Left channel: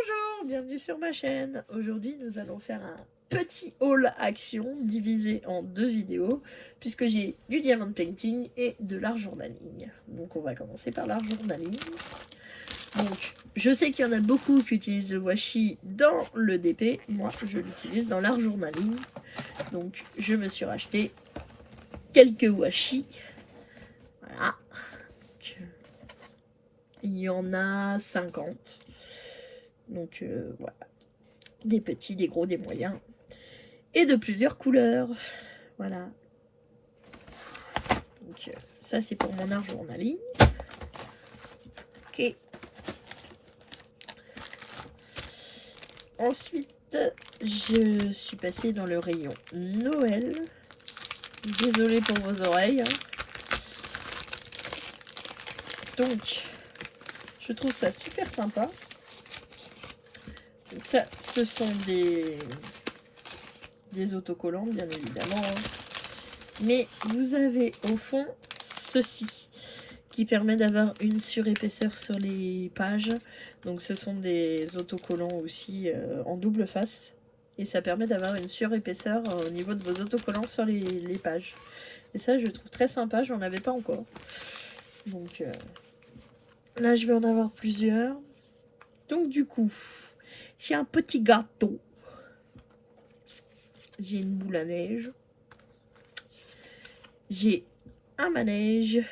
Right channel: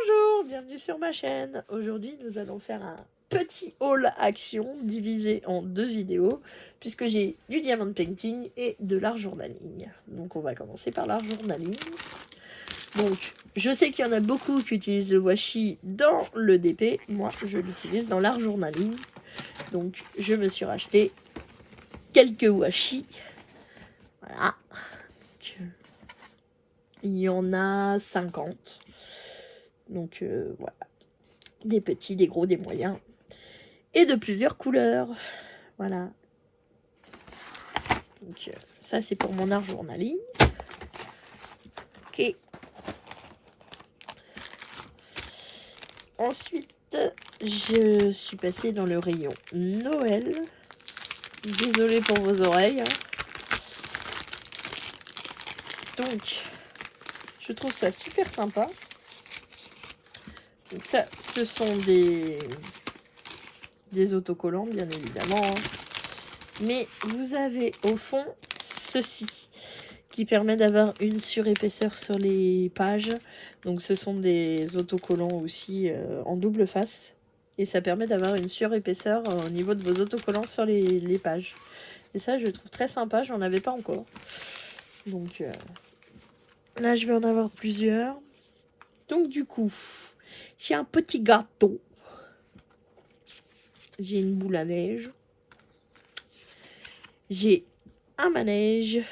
Bonjour, bienvenue sur ma chaîne. Aujourd'hui, nous allons faire un petit haul action divisé en 2 vidéos puisque j'ai du diamond painting et de l'art journaling. Donc on va commencer par l'art journaling. Donc je sais qu'il y en a beaucoup qui utilisent le washi dans le DP. Moi, je l'utilise dans l'art journaling. Donc je me suis racheté quelques washi. Voilà. Il y en a 50. Donc voilà. Des petits, des gros, des moyens. Et de plusieurs couleurs. Voilà. Donc ça c'est pour mon art journaling. Ok. Ensuite, je suis passée dans le rayon Noël. Désolée pour vos oreilles. Donc, je trouve ça super sympa. Donc ça, ce sont des autocollants, bien évidemment. Mais vous avez au fond ceci qui permet d'avoir une surépaisseur sur les pages. Donc ce sont des autocollants aussi en double face. Et ça permet d'avoir une surépaisseur au niveau de vos autocollants sur les pages. Et ça, je trouve très sympa, j'en avais pas encore. Donc là, je vais en avoir plusieurs. Donc du coup, j'ai un petit gâteau. J'ai une boule à neige. J'ai un manège.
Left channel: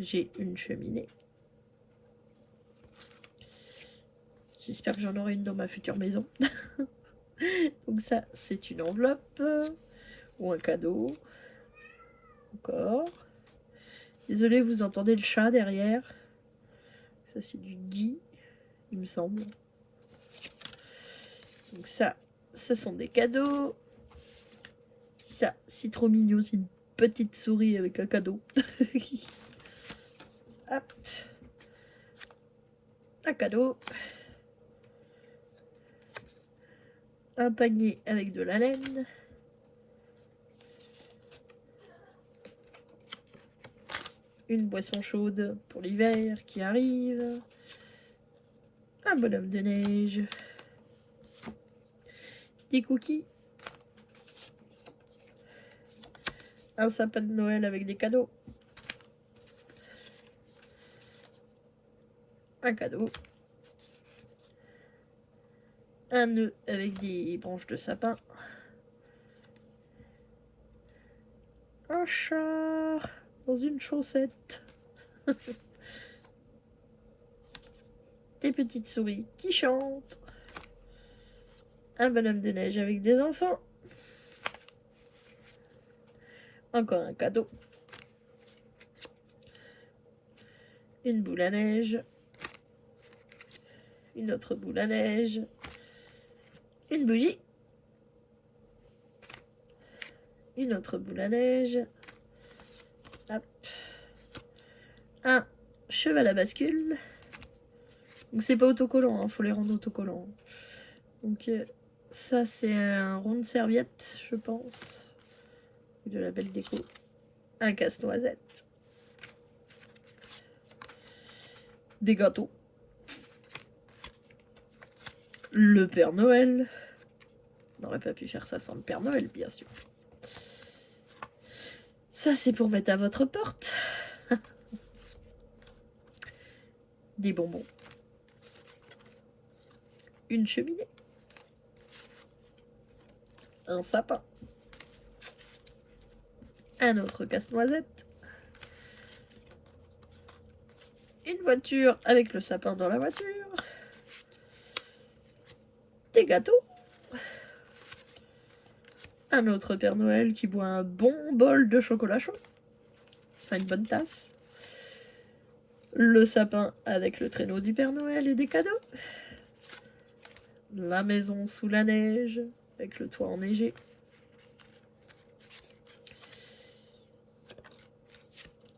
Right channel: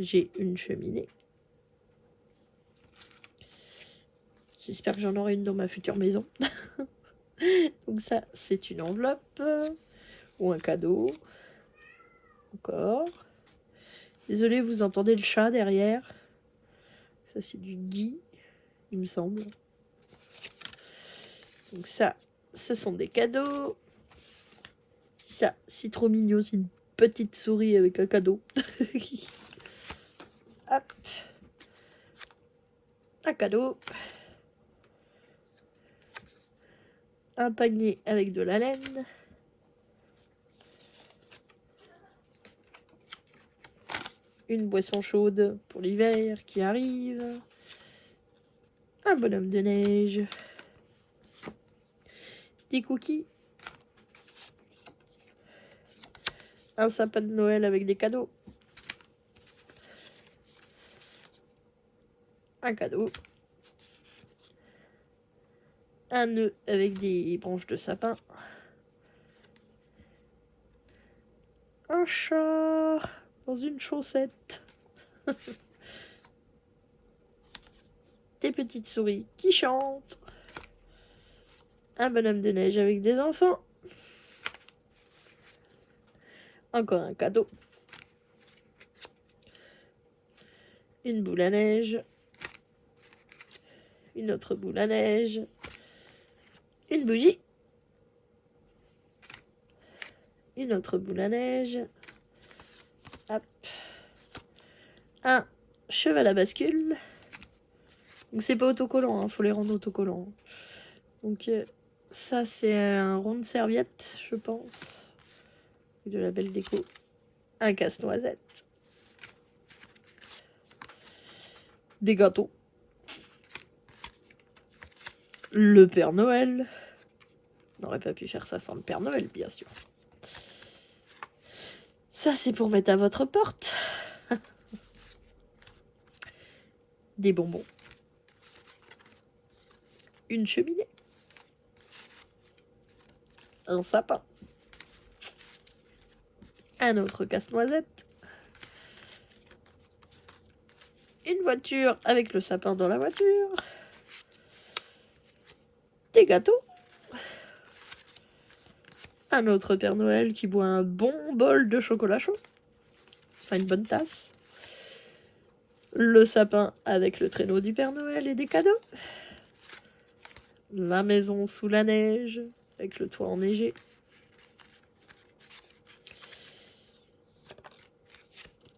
J'ai une cheminée. J'espère que j'en aurai une dans ma future maison. Donc ça, c'est une enveloppe ou un cadeau. Encore. Désolée, vous entendez le chat derrière. Ça, c'est du gui, il me semble. Donc ça, ce sont des cadeaux. Ça, c'est trop mignon. C'est une petite souris avec un cadeau. Hop. Un cadeau. Un panier avec de la laine. Une boisson chaude pour l'hiver qui arrive. Un bonhomme de neige. Des cookies. Un sapin de Noël avec des cadeaux. Un cadeau. Un nœud avec des branches de sapin. Un chat dans une chaussette. Des petites souris qui chantent. Un bonhomme de neige avec des enfants. Encore un cadeau. Une boule à neige. Une autre boule à neige. Une bougie. Une autre boule à neige. Hop. Un cheval à bascule. Donc c'est pas autocollant, hein, faut les rendre autocollants. Donc ça c'est un rond de serviette, je pense. De la belle déco. Un casse-noisette. Des gâteaux. Le Père Noël. On n'aurait pas pu faire ça sans le Père Noël, bien sûr. Ça, c'est pour mettre à votre porte. Des bonbons. Une cheminée. Un sapin. Un autre casse-noisette. Une voiture avec le sapin dans la voiture. Des gâteaux. Un autre Père Noël qui boit un bon bol de chocolat chaud. Enfin, une bonne tasse. Le sapin avec le traîneau du Père Noël et des cadeaux. La maison sous la neige avec le toit enneigé.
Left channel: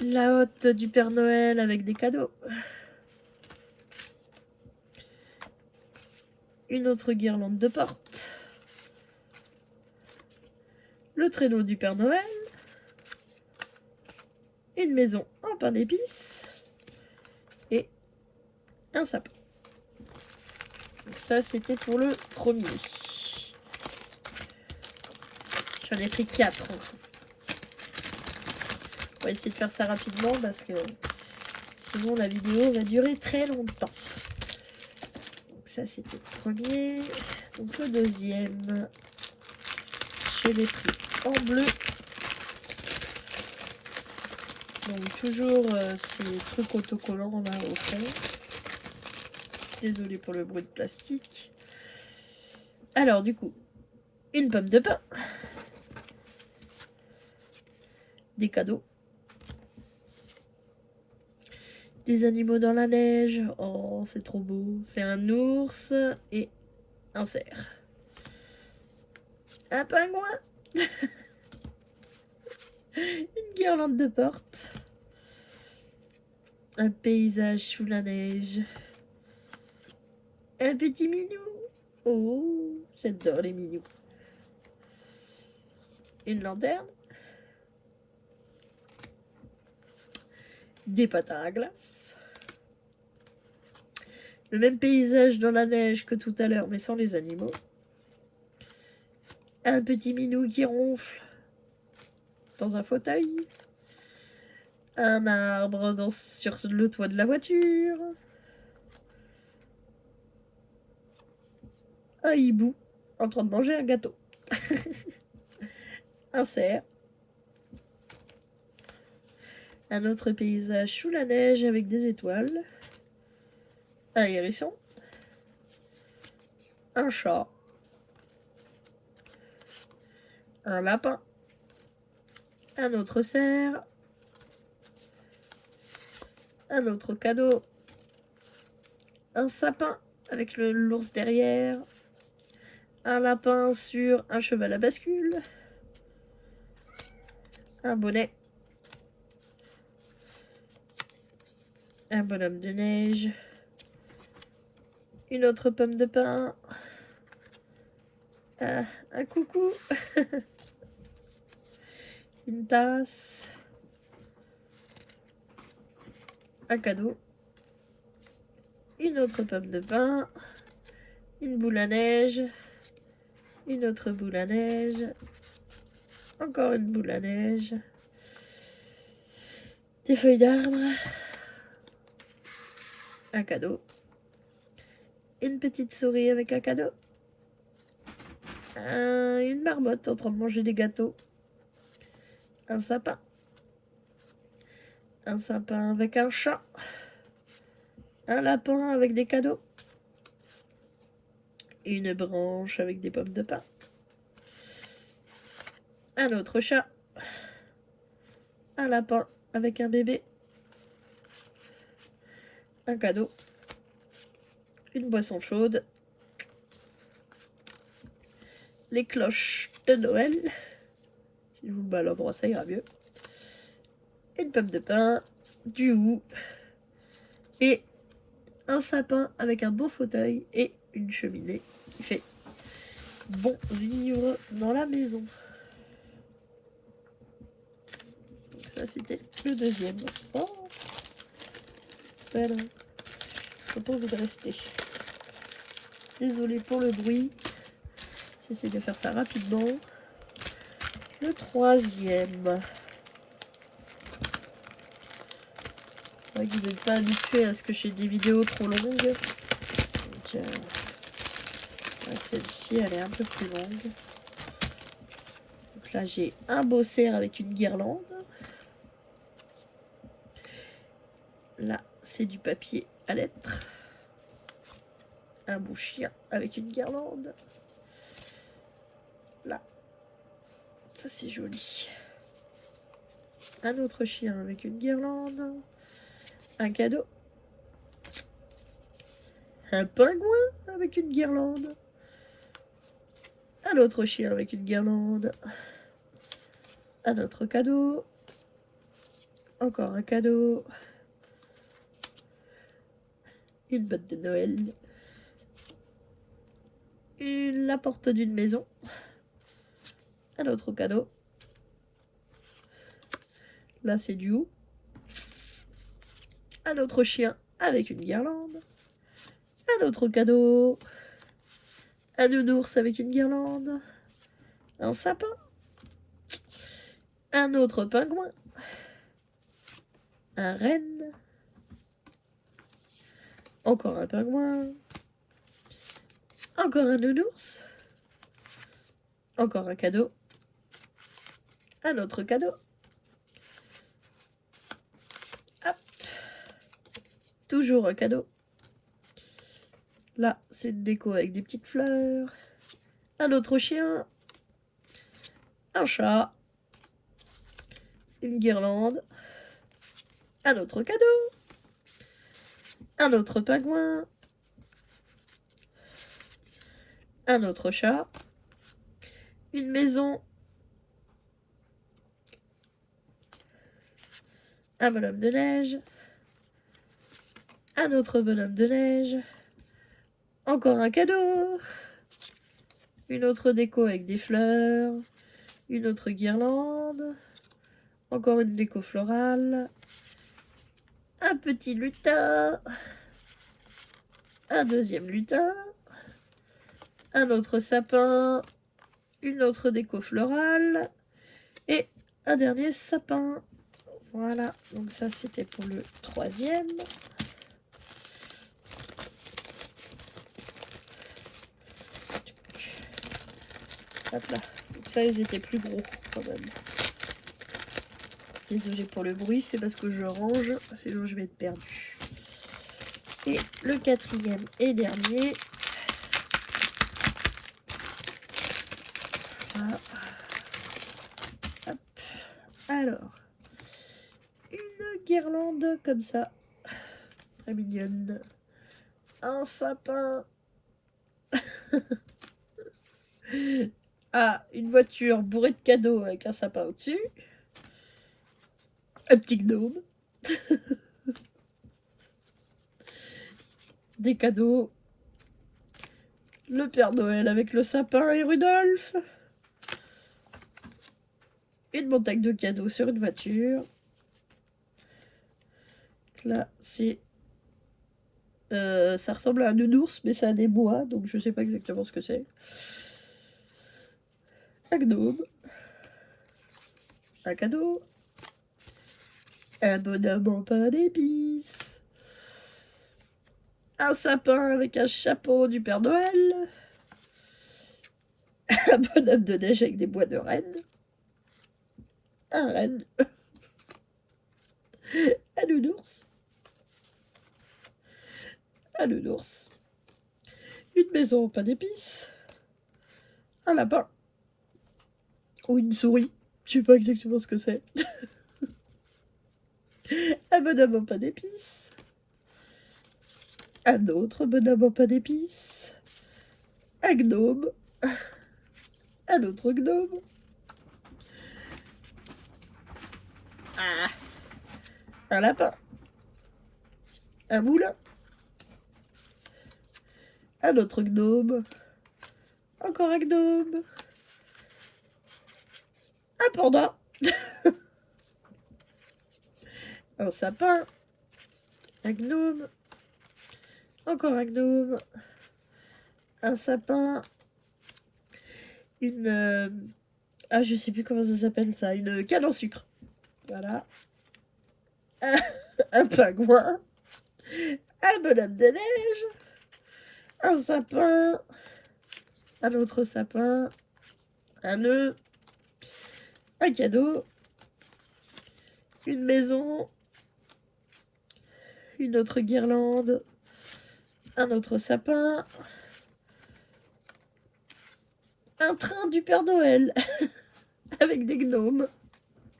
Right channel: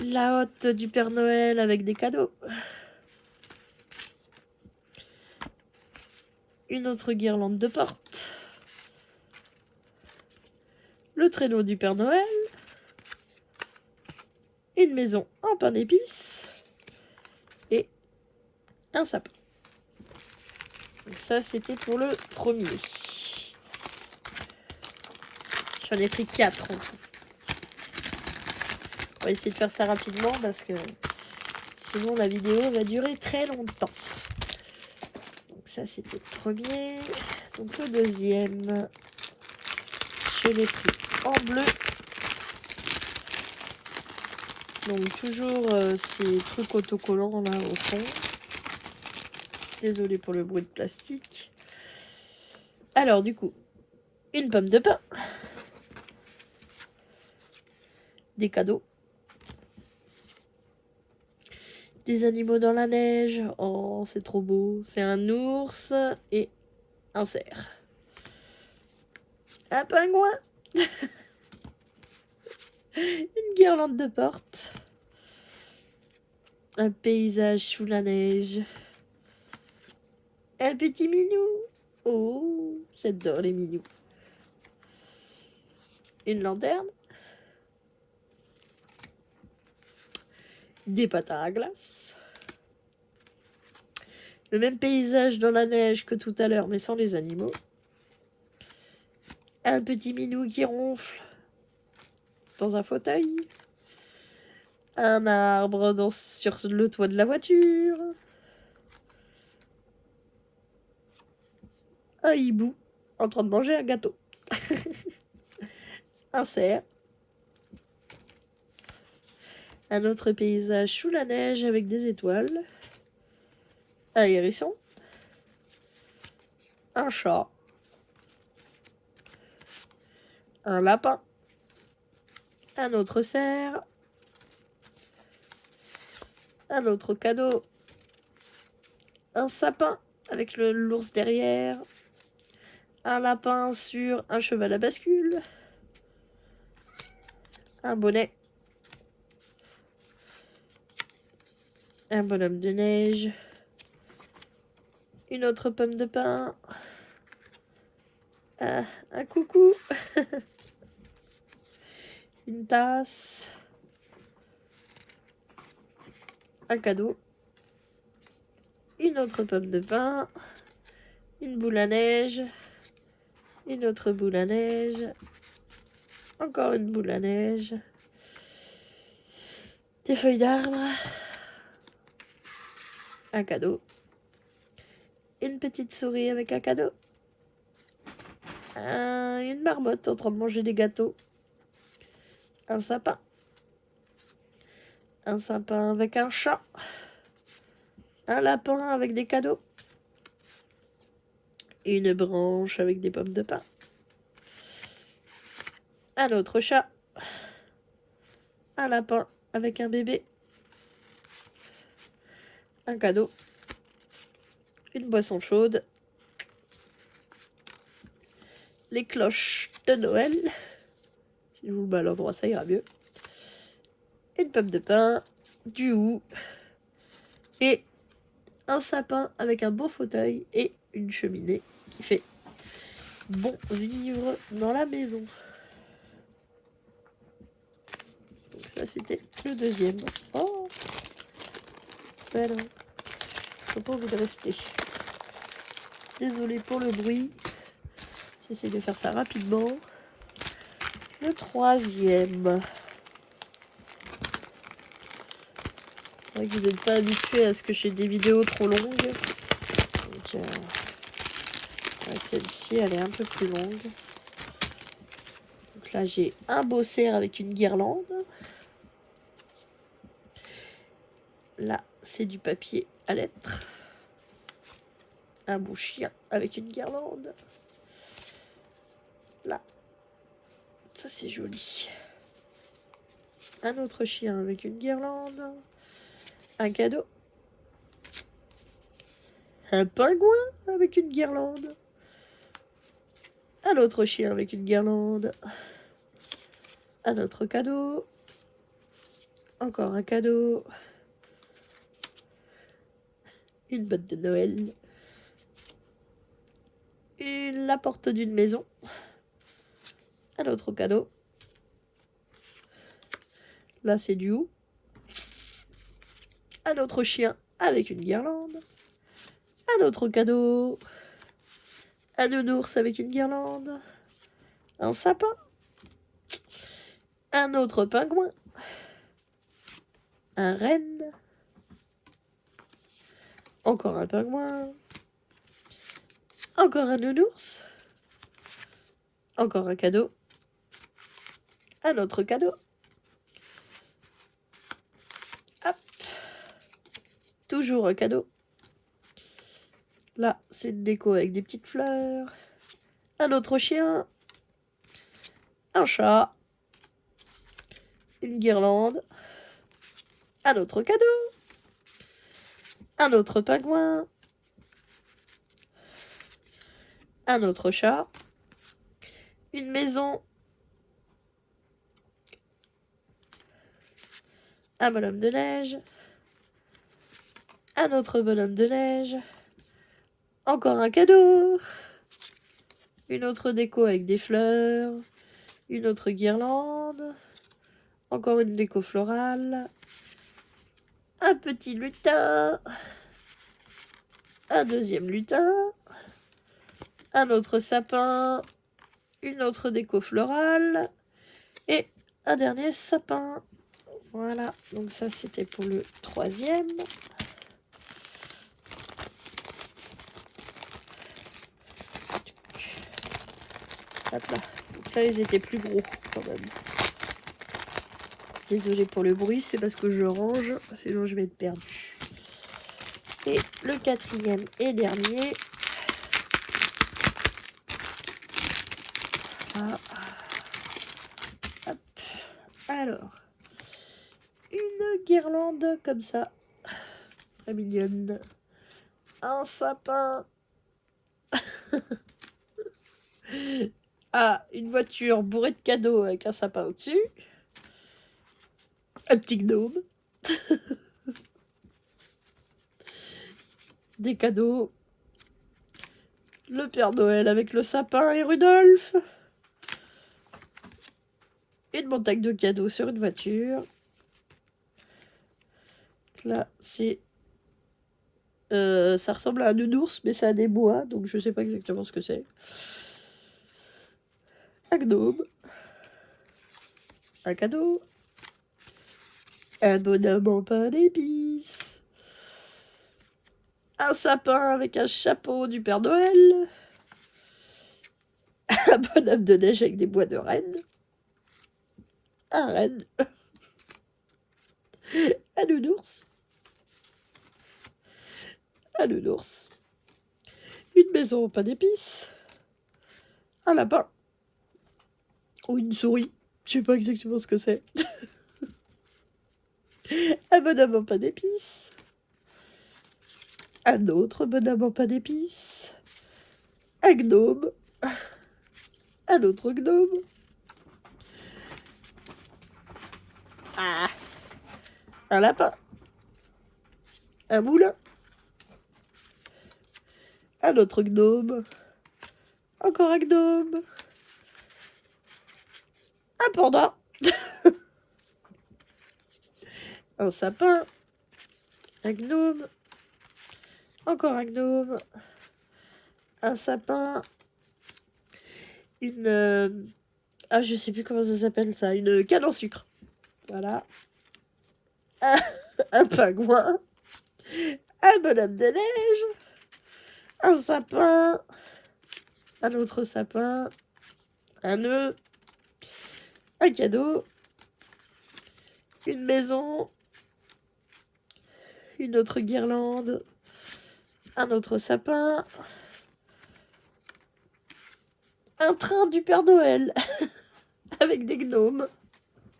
La hotte du Père Noël avec des cadeaux. Une autre guirlande de porte. Le traîneau du Père Noël. Une maison en pain d'épices. un sapin. Donc ça, c'était pour le premier. J'en ai pris 4 en tout. On va essayer de faire ça rapidement parce que sinon la vidéo va durer très longtemps. Donc ça, c'était le premier. Donc le deuxième, je l'ai pris en bleu. Donc toujours ces trucs autocollants là au fond. Désolée pour le bruit de plastique. Alors du coup, une pomme de pin. Des cadeaux. Des animaux dans la neige. Oh, c'est trop beau. C'est un ours et un cerf. Un pingouin. Une guirlande de porte. Un paysage sous la neige. Un petit minou. Oh, j'adore les minous. Une lanterne. Des patins à glace. Le même paysage dans la neige que tout à l'heure, mais sans les animaux. Un petit minou qui ronfle dans un fauteuil. Un arbre sur le toit de la voiture. Un hibou en train de manger un gâteau. Un cerf. Un autre paysage sous la neige avec des étoiles. Un hérisson. Un chat. Un lapin. Un autre cerf. Un autre cadeau. Un sapin avec l'ours derrière. Un lapin sur un cheval à bascule. Un bonnet. Un bonhomme de neige. Une autre pomme de pin. Un coucou. Une tasse. Un cadeau. Une autre pomme de pin. Une boule à neige. Une autre boule à neige. Encore une boule à neige. Des feuilles d'arbre. Un cadeau. Une petite souris avec un cadeau. Une marmotte en train de manger des gâteaux. Un sapin. Un sapin avec un chat. Un lapin avec des cadeaux. Une branche avec des pommes de pin. Un autre chat. Un lapin avec un bébé. Un cadeau. Une boisson chaude. Les cloches de Noël. Si je vous mets à l'endroit, ça ira mieux. Une pomme de pin. Du hou. Et un sapin avec un beau fauteuil et une cheminée qui fait bon vivre dans la maison. Donc ça, c'était le deuxième. Oh, voilà. J'ai pas envie de rester. Désolée pour le bruit. J'essaie de faire ça rapidement. Le troisième. C'est vrai que vous n'êtes pas habitué à ce que j'ai des vidéos trop longues. Donc, celle-ci, elle est un peu plus longue. Donc là, j'ai un beau cerf avec une guirlande. Là, c'est du papier à lettres. Un beau chien avec une guirlande. Là, ça c'est joli. Un autre chien avec une guirlande. Un cadeau. Un pingouin avec une guirlande. Un autre chien avec une guirlande. Un autre cadeau. Encore un cadeau. Une botte de Noël. La porte d'une maison. Un autre cadeau. Là, c'est du hou. Un autre chien avec une guirlande. Un autre cadeau. Un nounours avec une guirlande. Un sapin. Un autre pingouin. Un renne. Encore un pingouin. Encore un nounours. Encore un cadeau. Un autre cadeau. Hop. Toujours un cadeau. Là, c'est une déco avec des petites fleurs. Un autre chien. Un chat. Une guirlande. Un autre cadeau. Un autre pingouin. Un autre chat. Une maison. Un bonhomme de neige. Un autre bonhomme de neige. Encore un cadeau. Une autre déco avec des fleurs. Une autre guirlande. Encore une déco florale. Un petit lutin. Un deuxième lutin. Un autre sapin. Une autre déco florale. Et un dernier sapin. Voilà, donc ça c'était pour le troisième. Hop là. Donc là ils étaient plus gros quand même. Désolée pour le bruit, c'est parce que je range, sinon je vais être perdue. Et le quatrième et dernier. Ah. Hop. Alors. Une guirlande comme ça. Très mignonne. Un sapin. Ah, une voiture bourrée de cadeaux avec un sapin au-dessus. Un petit gnome. Des cadeaux. Le Père Noël avec le sapin et Rudolph. Une montagne de cadeaux sur une voiture. Là, c'est... ça ressemble à un nounours, mais c'est à des bois, donc je sais pas exactement ce que c'est. Un gnome. Un cadeau. Un bonhomme en pain d'épices. Un sapin avec un chapeau du Père Noël. Un bonhomme de neige avec des bois de renne. Un renne. Un nounours. Un nounours. Une maison en pain d'épices. Un lapin. Ou une souris. Je sais pas exactement ce que c'est. Un bonhomme en pain d'épices. Un autre bonhomme en pain d'épices. Un gnome. Un autre gnome. Ah. Un lapin. Un moulin. Un autre gnome. Encore un gnome. Un panda. Un sapin. Un gnome. Encore un gnome. Un sapin. Une... Ah, je sais plus comment ça s'appelle ça. Une canne en sucre. Voilà. Un pingouin. Un bonhomme de neige. Un sapin. Un autre sapin. Un nœud. Un cadeau. Une maison. Une autre guirlande. Un autre sapin. Un train du Père Noël. Avec des gnomes.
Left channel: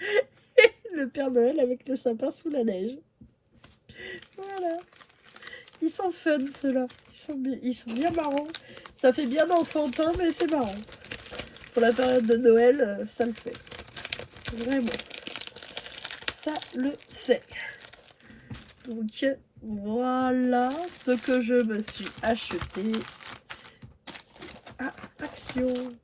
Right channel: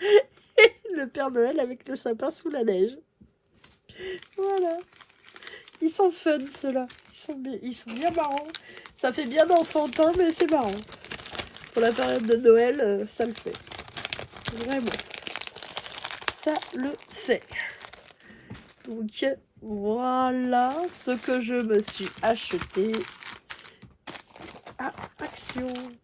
Et le Père Noël avec le sapin sous la neige. Voilà. Ils sont fun, ceux-là. Ils sont bien marrants. Ça fait bien enfantin, mais c'est marrant. Pour la période de Noël, ça le fait. Vraiment. Ça le fait. Donc, voilà ce que je me suis acheté à Action.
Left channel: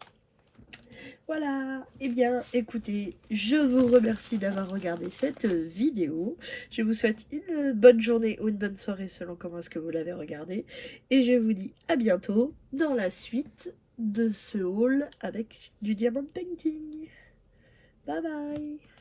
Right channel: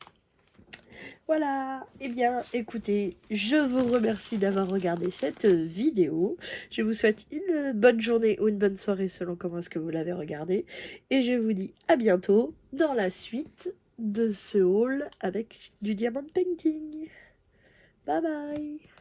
Voilà, eh bien écoutez, je vous remercie d'avoir regardé cette vidéo. Je vous souhaite une bonne journée ou une bonne soirée selon comment est-ce que vous l'avez regardé. Et je vous dis à bientôt dans la suite de ce haul avec du diamond painting. Bye bye.